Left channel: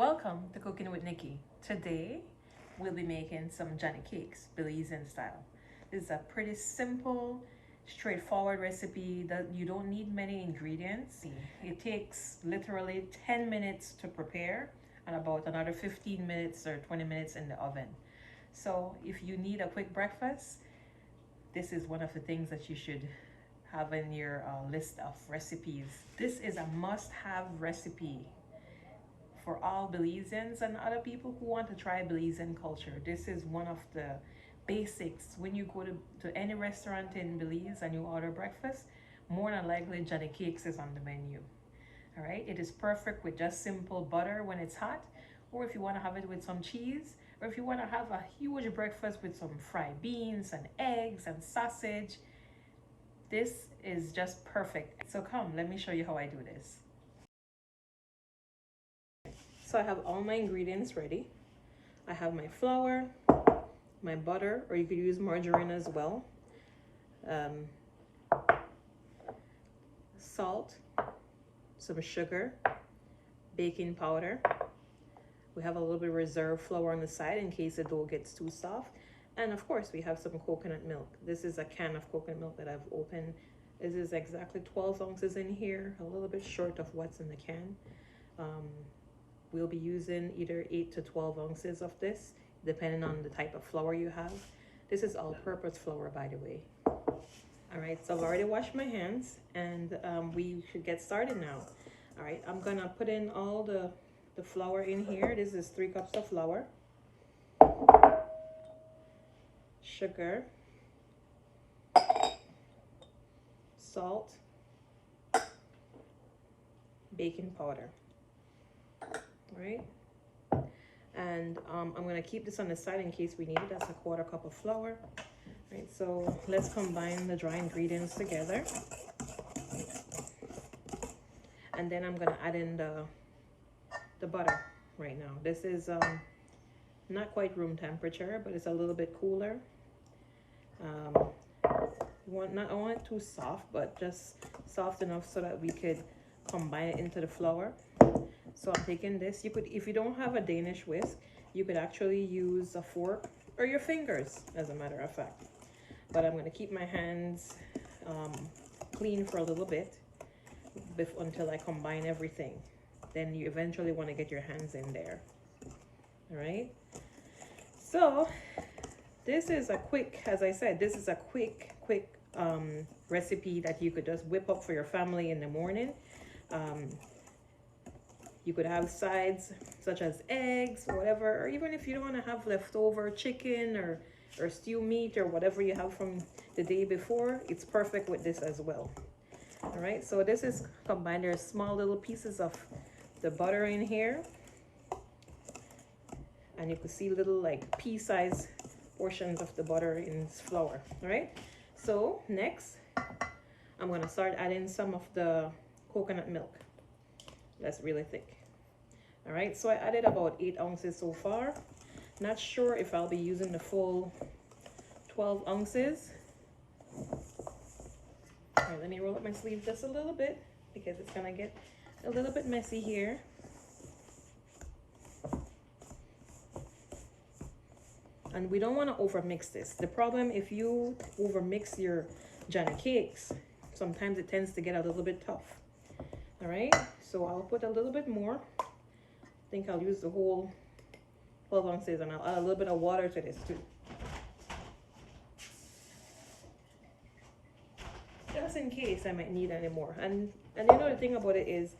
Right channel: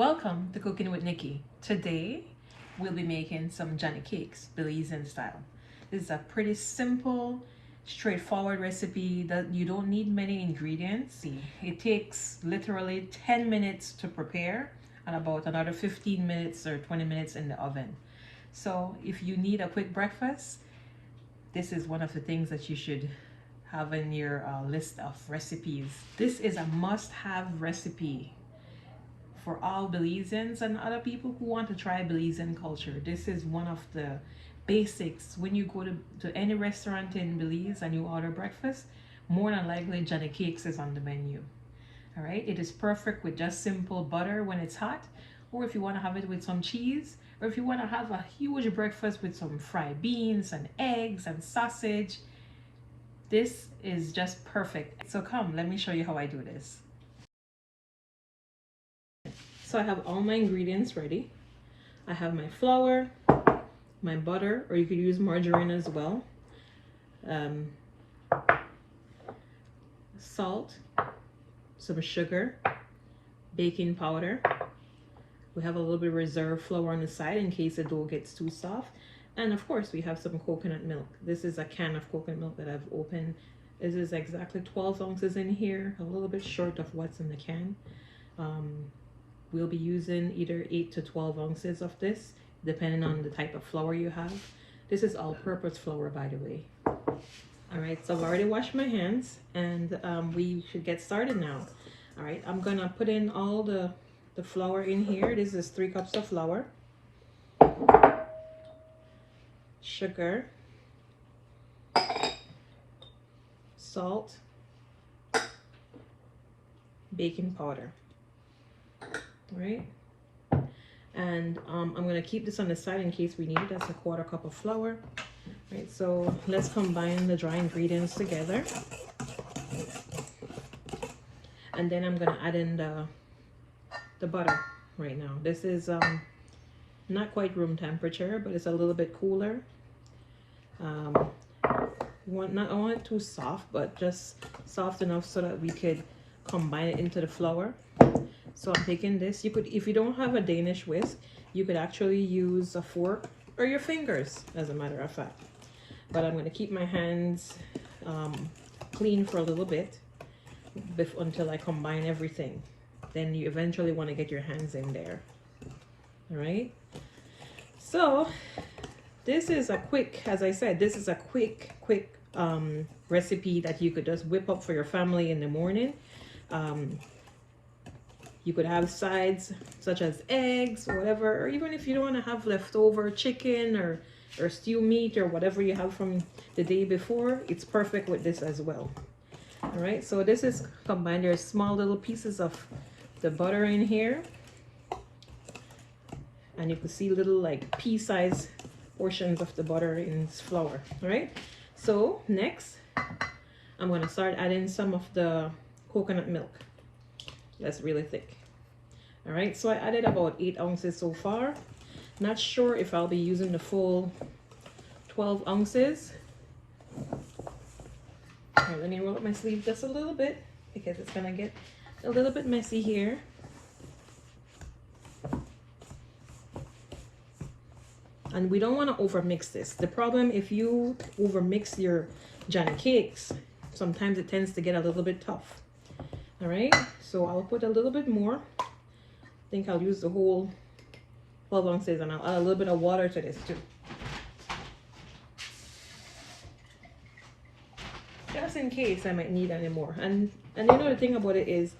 Welcome to Cooking with Nikki. Today we'll be making some Johnny cakes, Belizean style. This is a pretty simple, straightforward recipe that you don't need many ingredients. It takes literally 10 minutes to prepare and about another 15 minutes or 20 minutes in the oven. So if you need a quick breakfast, this is one of the things that you should have in your list of recipes. This is a must-have recipe for all Belizeans and other people who want to try Belizean culture. This is one of the basics. When you go to any restaurant in Belize and you order breakfast, more than likely Johnny Cakes is on the menu. All right, it is perfect with just simple butter when it's hot, or if you want to have it with some cheese, or if you want to have a huge breakfast with some fried beans and eggs and sausage. This is just perfect. So come, let me show you how I do this. So I have all my ingredients ready. I have my flour, my butter, or you could use margarine as well, salt, some sugar, baking powder. We have a little bit of reserve flour on the side in case the dough gets too soft. And of course we have some coconut milk. This is a can of coconut milk that I've opened. This is exactly 12 ounces in here, a little bit short of what's in the can. We'll be using either 8 to 12 ounces of this, depending on the type of flour you have. This is all-purpose flour, by the way. All right, so I've already washed my hands, and we should get started now. All right, I'm gonna put in all the flour in here. This is 3 cups of flour, sugar, salt, baking powder. All right, and I'm gonna keep this on the side in case we need it. That's a 1/4 cup of flour. All right, so let's combine the dry ingredients together, and then I'm gonna add in the butter right now. This is not quite room temperature, but it's a little bit cooler. I want it too soft, but just soft enough so that we could combine it into the flour. So I'm taking this. You could, if you don't have a Danish whisk, you could actually use a fork or your fingers, as a matter of fact. But I'm going to keep my hands clean for a little bit until I combine everything. Then you eventually want to get your hands in there. All right. So this is a quick, as I said, this is a quick recipe that you could just whip up for your family in the morning. You could have sides such as eggs or whatever, or even if you don't want to have leftover chicken or stew meat or whatever you have from the day before, it's perfect with this as well. All right, so this is combined. There's small little pieces of the butter in here, and you can see little like pea-sized portions of the butter in this flour. All right, so next I'm going to start adding some of the coconut milk. That's really thick. All right, so I added about 8 ounces so far. Not sure if I'll be using the full 12 ounces. All right, let me roll up my sleeve just a little bit because it's gonna get a little bit messy here. And we don't want to overmix this. The problem, if you overmix your Johnny cakes, sometimes it tends to get a little bit tough. All right, so I'll put a little bit more. I think I'll use the whole 12 ounces, and I'll add a little bit of water to this too, just in case I might need any more. And you know, the thing about it is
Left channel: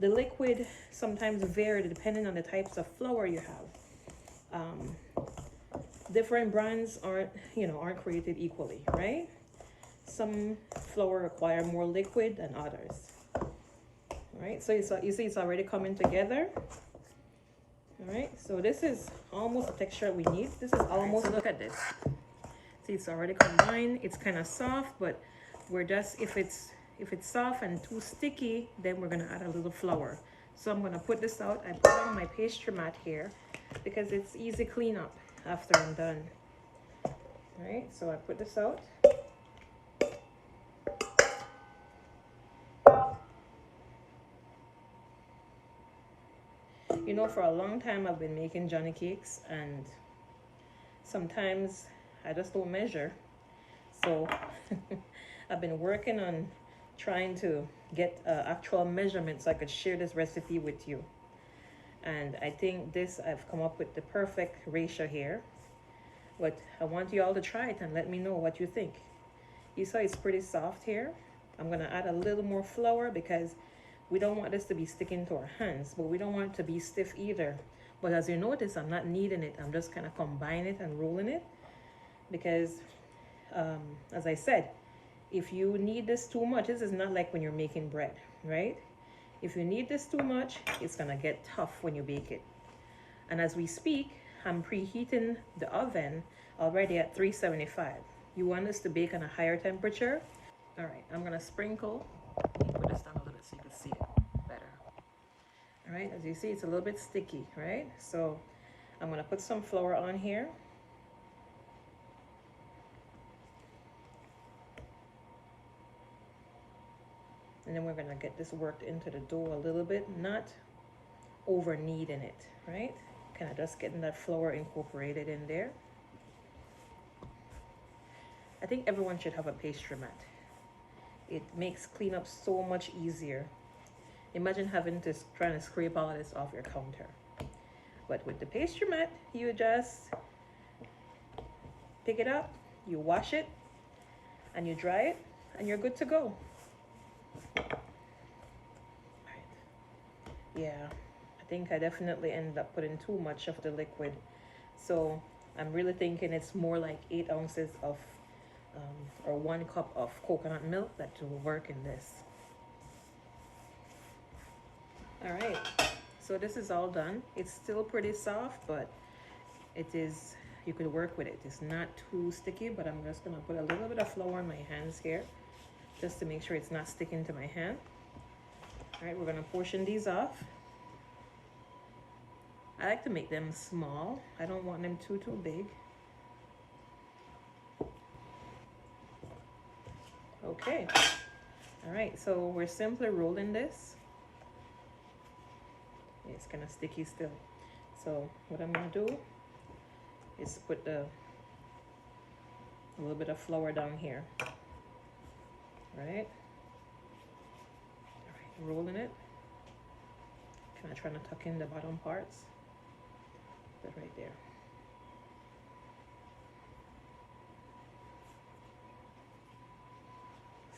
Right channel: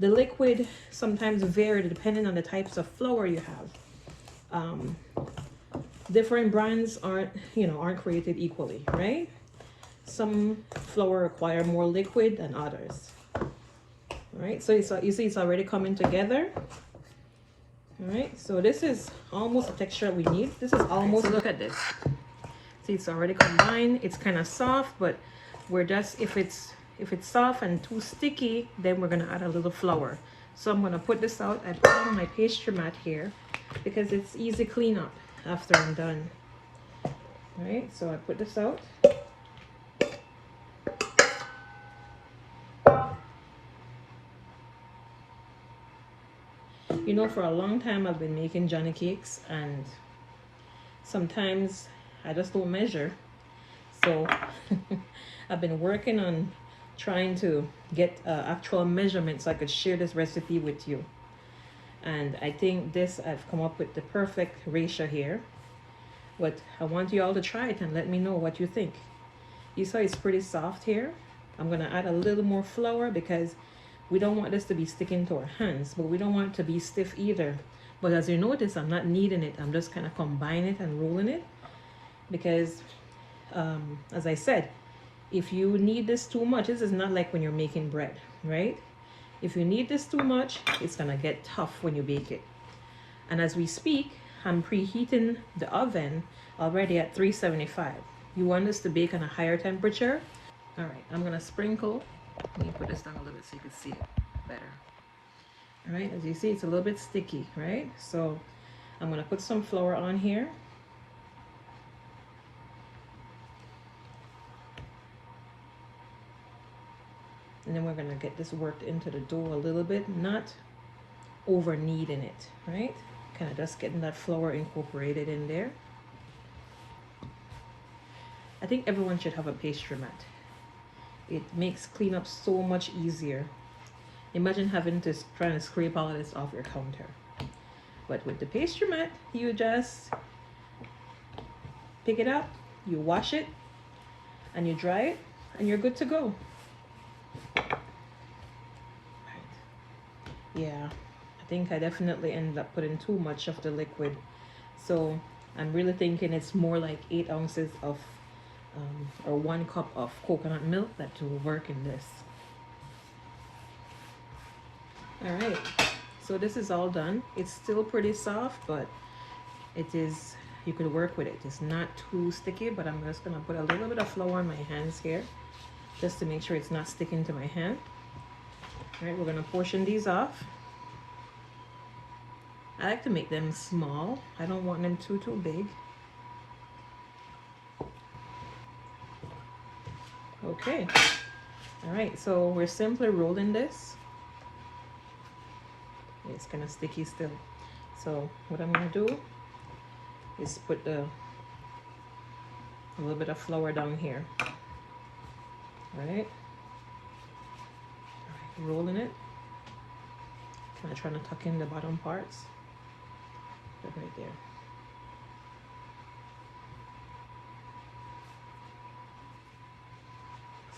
the liquid sometimes vary depending on the types of flour you have. Different brands aren't created equally, right? Some flour require more liquid than others. All right, so you see it's already coming together. All right, so this is almost the texture we need. This is almost, so look at this. See, it's already combined. It's kind of soft, but we're just, if it's soft and too sticky, then we're gonna add a little flour. So I'm gonna put this out. I put on my pastry mat here because it's easy cleanup after I'm done. All right, so I put this out. You know, for a long time I've been making Johnny cakes, and sometimes I just don't measure. So I've been working on trying to get actual measurements so I could share this recipe with you. And I think this, I've come up with the perfect ratio here. But I want you all to try it and let me know what you think. You saw it's pretty soft here. I'm gonna add a little more flour because we don't want this to be sticking to our hands, but we don't want it to be stiff either. But as you notice, I'm not kneading it. I'm just kind of combining it and rolling it because, as I said, if you knead this too much, this is not like when you're making bread, right? If you knead this too much, it's gonna get tough when you bake it. And as we speak, I'm preheating the oven already at 375. You want this to bake on a higher temperature. All right, I'm gonna sprinkle. Let me put this down a little bit so you can see it better. All right, as you see, it's a little bit sticky, right? So I'm gonna put some flour on here. And then we're gonna get this worked into the dough a little bit, not over kneading it, right? Kind of just getting that flour incorporated in there. I think everyone should have a pastry mat. It makes cleanup so much easier. Imagine having to trying to scrape all of this off your counter. But with the pastry mat, you just pick it up, you wash it, and you dry it, and you're good to go. Yeah, I think I definitely ended up putting too much of the liquid. So I'm really thinking it's more like 8 ounces of or 1 cup of coconut milk that will work in this. All right, so this is all done. It's still pretty soft, but it is, you could work with it. It's not too sticky, but I'm just gonna put a little bit of flour on my hands here just to make sure it's not sticking to my hand. All right, we're gonna portion these off. I like to make them small. I don't want them too big. Okay, all right, so we're simply rolling this. It's kind of sticky still. So what I'm gonna do is put a little bit of flour down here. All right, rolling it. Kind of trying to tuck in the bottom parts. Right there.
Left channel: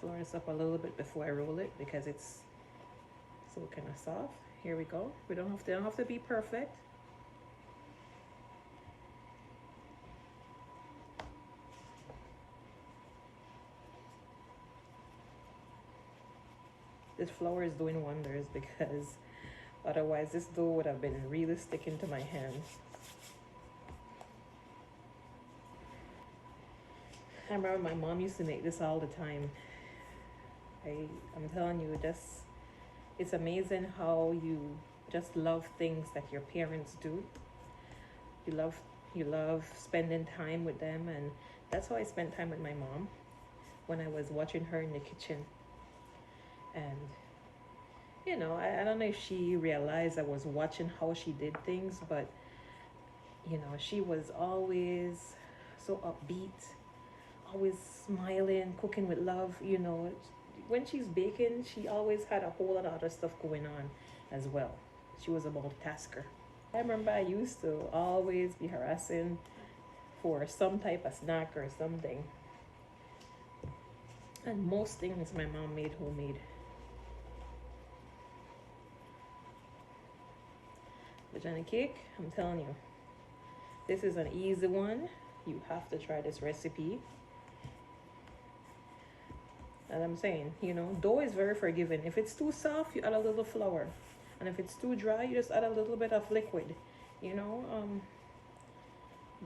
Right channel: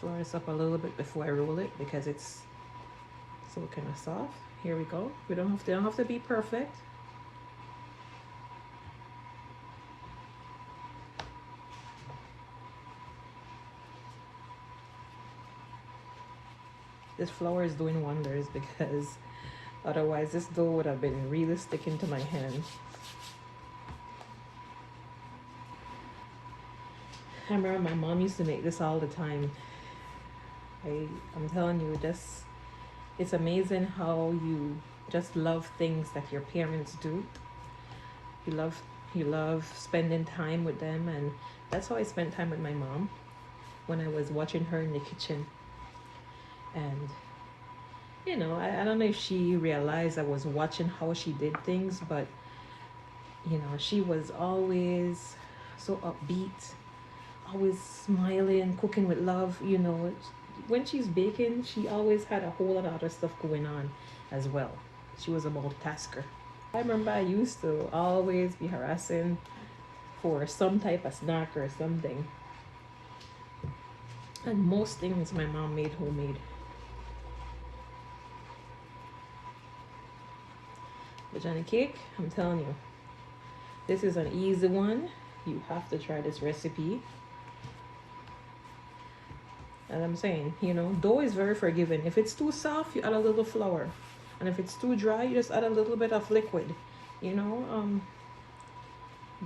Flour this up a little bit before I roll it because it's so kind of soft. Here we go. They don't have to be perfect. This flour is doing wonders because otherwise this dough would have been really sticking to my hand. I remember my mom used to make this all the time. I'm telling you, it's amazing how you just love things that your parents do. You love spending time with them, and that's how I spent time with my mom when I was watching her in the kitchen. And you know, I don't know if she realized I was watching how she did things, but you know, she was always so upbeat, always smiling, cooking with love. You know, when she's baking, she always had a whole lot of other stuff going on as well. She was a multitasker. I remember I used to always be harassing for some type of snack or something. And most things my mom made homemade. But Johnny cake, I'm telling you, this is an easy one. You have to try this recipe. And I'm saying, you know, dough is very forgiving. If it's too soft, you add a little flour. And if it's too dry, you just add a little bit of liquid, you know.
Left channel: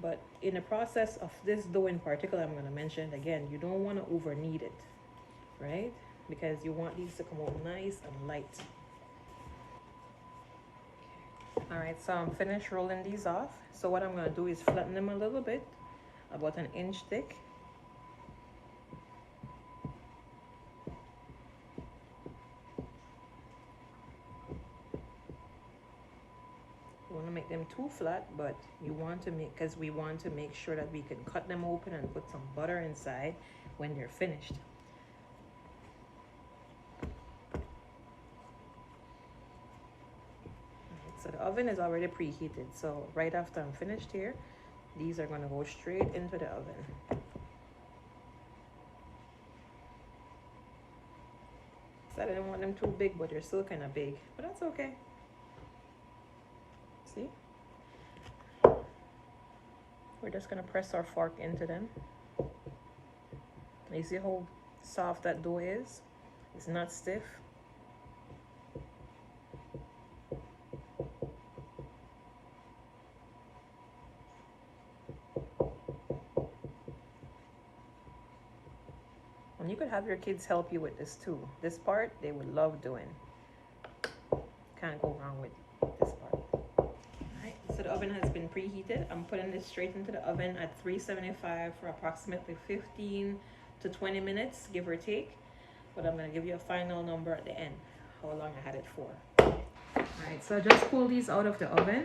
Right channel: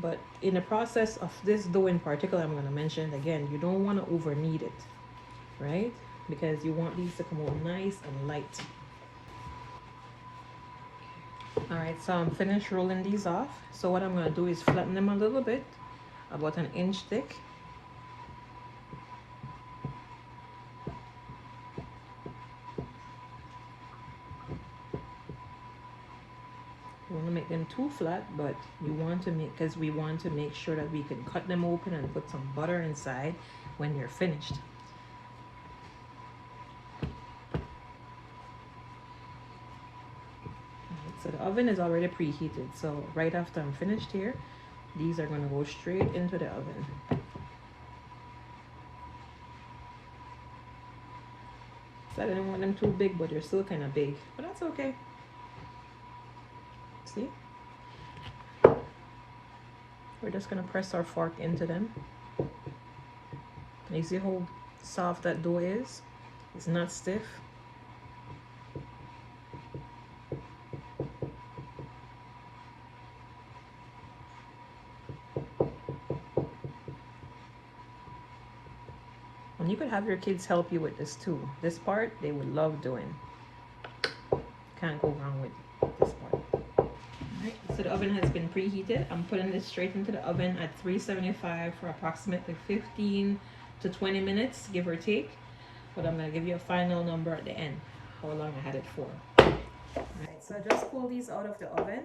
But in the process of this dough in particular, I'm going to mention again, you don't want to over knead it, right? Because you want these to come out nice and light. All right, so I'm finished rolling these off. So what I'm going to do is flatten them a little bit, about an inch thick. want to make them too flat, but you want to make, because we want to make sure that we can cut them open and put some butter inside when they're finished. So the oven is already preheated, so right after I'm finished here, these are going to go straight into the oven. So I didn't want them too big, but they're still kind of big, but that's okay. See? We're just going to press our fork into them. You see how soft that dough is? It's not stiff. And you could have your kids help you with this too. This part they would love doing. Can't go wrong with this part. Alright, so the oven has been preheated. I'm putting this straight into the oven at 375 for approximately 15 to 20 minutes, give or take. But I'm going to give you a final number at the end, how long I had it for. Alright, so I just pulled these out of the oven.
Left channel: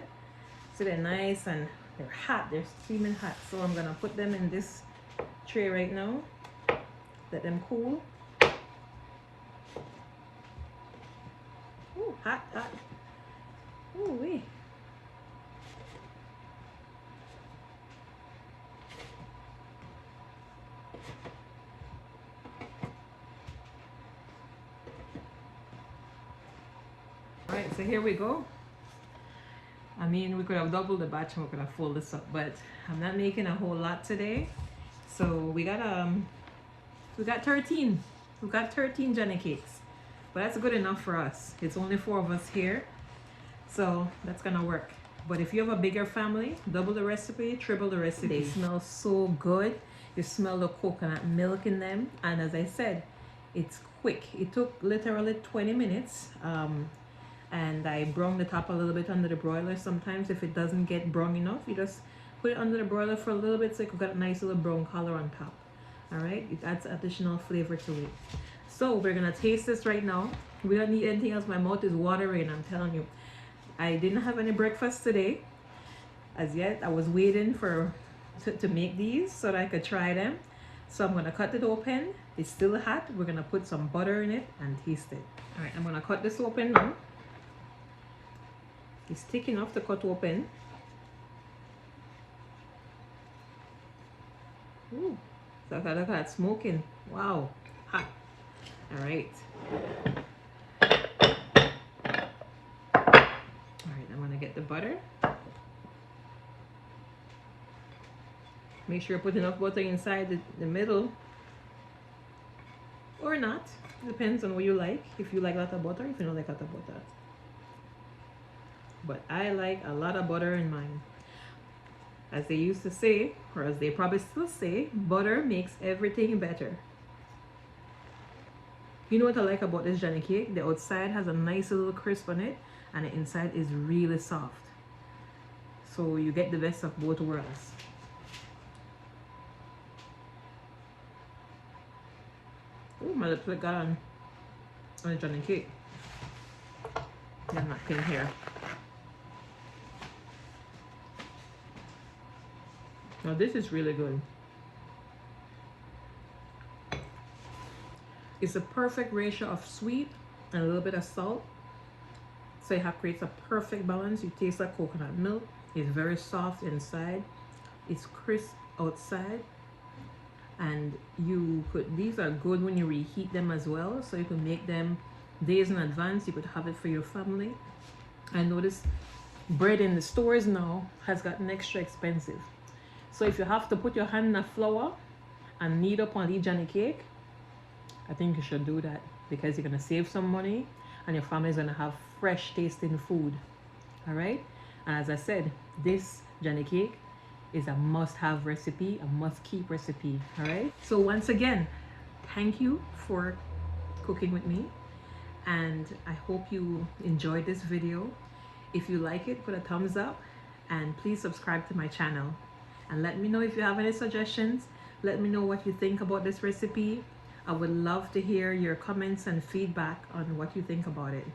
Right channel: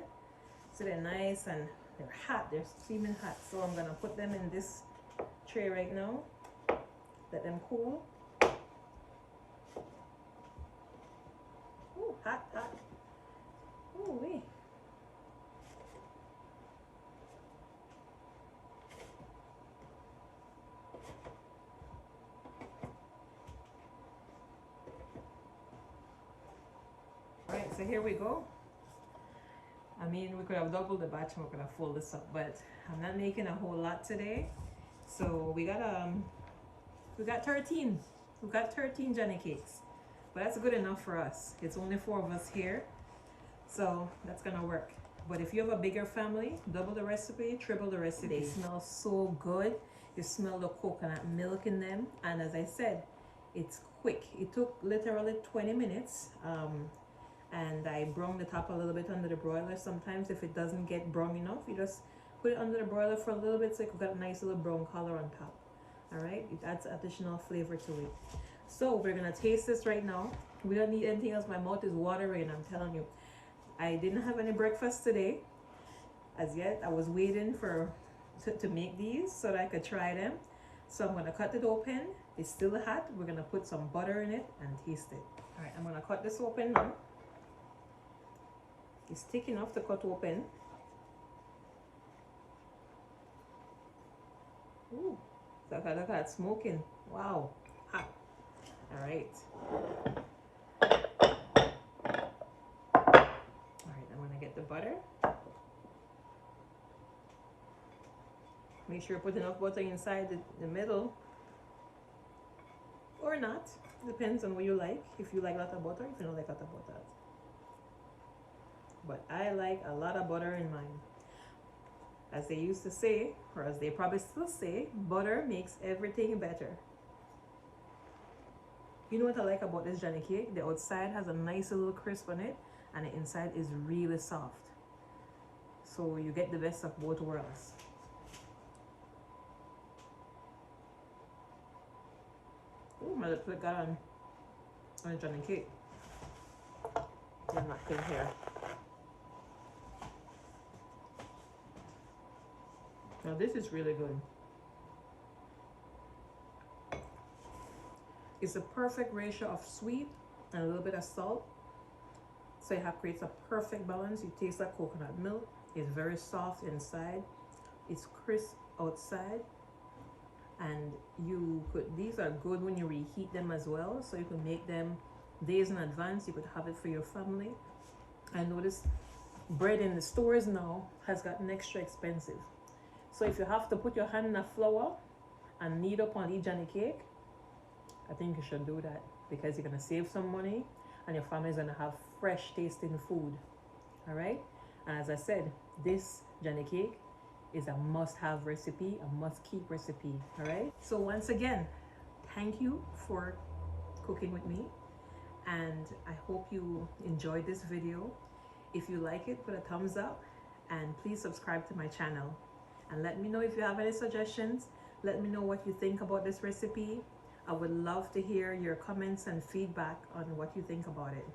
So they're nice and they're hot, they're steaming hot. So I'm going to put them in this tray right now. Let them cool. Ooh, hot, hot. Ooh, wee. Alright, so here we go. I mean, we could have doubled the batch and we could have folded this up, but I'm not making a whole lot today. So we got 13. We've got 13 Johnny cakes, but that's good enough for us. It's only 4 of us here, so that's gonna work. But if you have a bigger family, double the recipe, triple the recipe. They smell so good. You smell the coconut milk in them, and as I said, it's quick. It took literally 20 minutes. And I browned the top a little bit under the broiler. Sometimes if it doesn't get brown enough, you just put it under the broiler for a little bit so you got a nice little brown color on top. Alright, it adds additional flavor to it. So we're gonna taste this right now. We don't need anything else. My mouth is watering, I'm telling you. I didn't have any breakfast today as yet. I was waiting to make these so that I could try them. So I'm gonna cut it open. It's still hot. We're gonna put some butter in it and taste it. Alright, I'm gonna cut this open now. It's thick enough to cut open. Ooh, look at that smoking. Wow, hot. All right. All right, I'm gonna get the butter. Make sure you put enough butter inside the middle, or not. Depends on what you like. If you like a lot of butter, if you don't like a lot of butter. But I like a lot of butter in mine. As they used to say, or as they probably still say, butter makes everything better. You know what I like about this Johnny cake? The outside has a nice little crisp on it, and the inside is really soft. So you get the best of both worlds. Oh, my lips got on the Johnny cake. I'm not pin here. Now this is really good. It's a perfect ratio of sweet and a little bit of salt. So it creates a perfect balance. You taste like coconut milk. It's very soft inside. It's crisp outside. And these are good when you reheat them as well. So you can make them days in advance. You could have it for your family. I notice bread in the stores now has gotten extra expensive. So if you have to put your hand in the flour and knead up on the Johnny cake, I think you should do that because you're going to save some money and your family is going to have fresh tasting food. All right. And as I said, this Johnny cake is a must-have recipe, a must-keep recipe. All right. So once again, thank you for cooking with me. And I hope you enjoyed this video. If you like it, put a thumbs up and please subscribe to my channel. And let me know if you have any suggestions. Let me know what you think about this recipe. I would love to hear your comments and feedback on what you think about it.